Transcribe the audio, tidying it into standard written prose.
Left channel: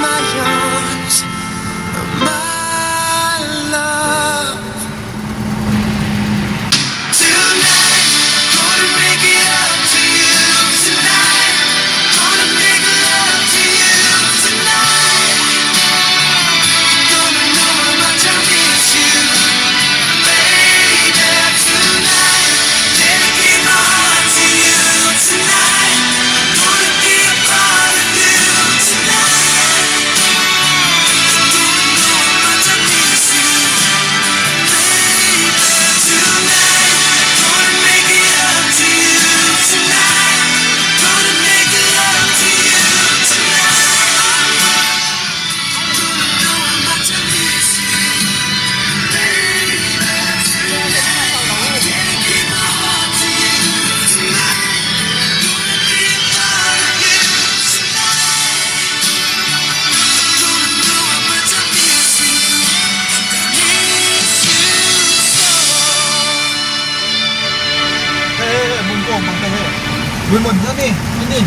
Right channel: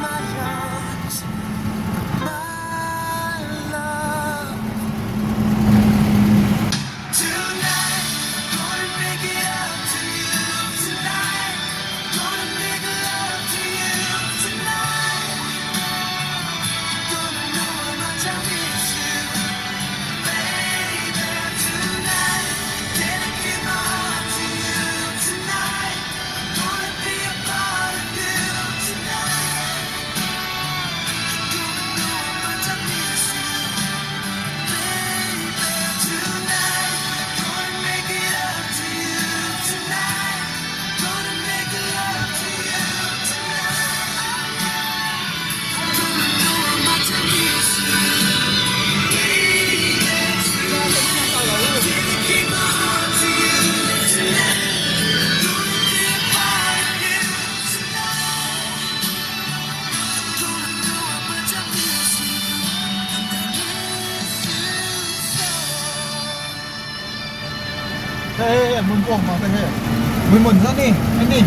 my arms, my love. Tonight, gonna make it up to you. Tonight, gonna make love to you. Tonight, gonna know how much I miss you, baby. Tonight, dedicate my heart to you. Tonight, gonna be a part of you. Tonight, gonna know how much I miss you, baby. Tonight, gonna make it up to you. Tonight, gonna make love to you. Tonight, gonna know how much I miss you, baby. Tonight, dedicate my heart to you. Tonight, gonna be a part of you. Tonight, gonna know how much I miss you, miss you so. หมุนโป่งมาเท่ๆหมุนซะนี่นี่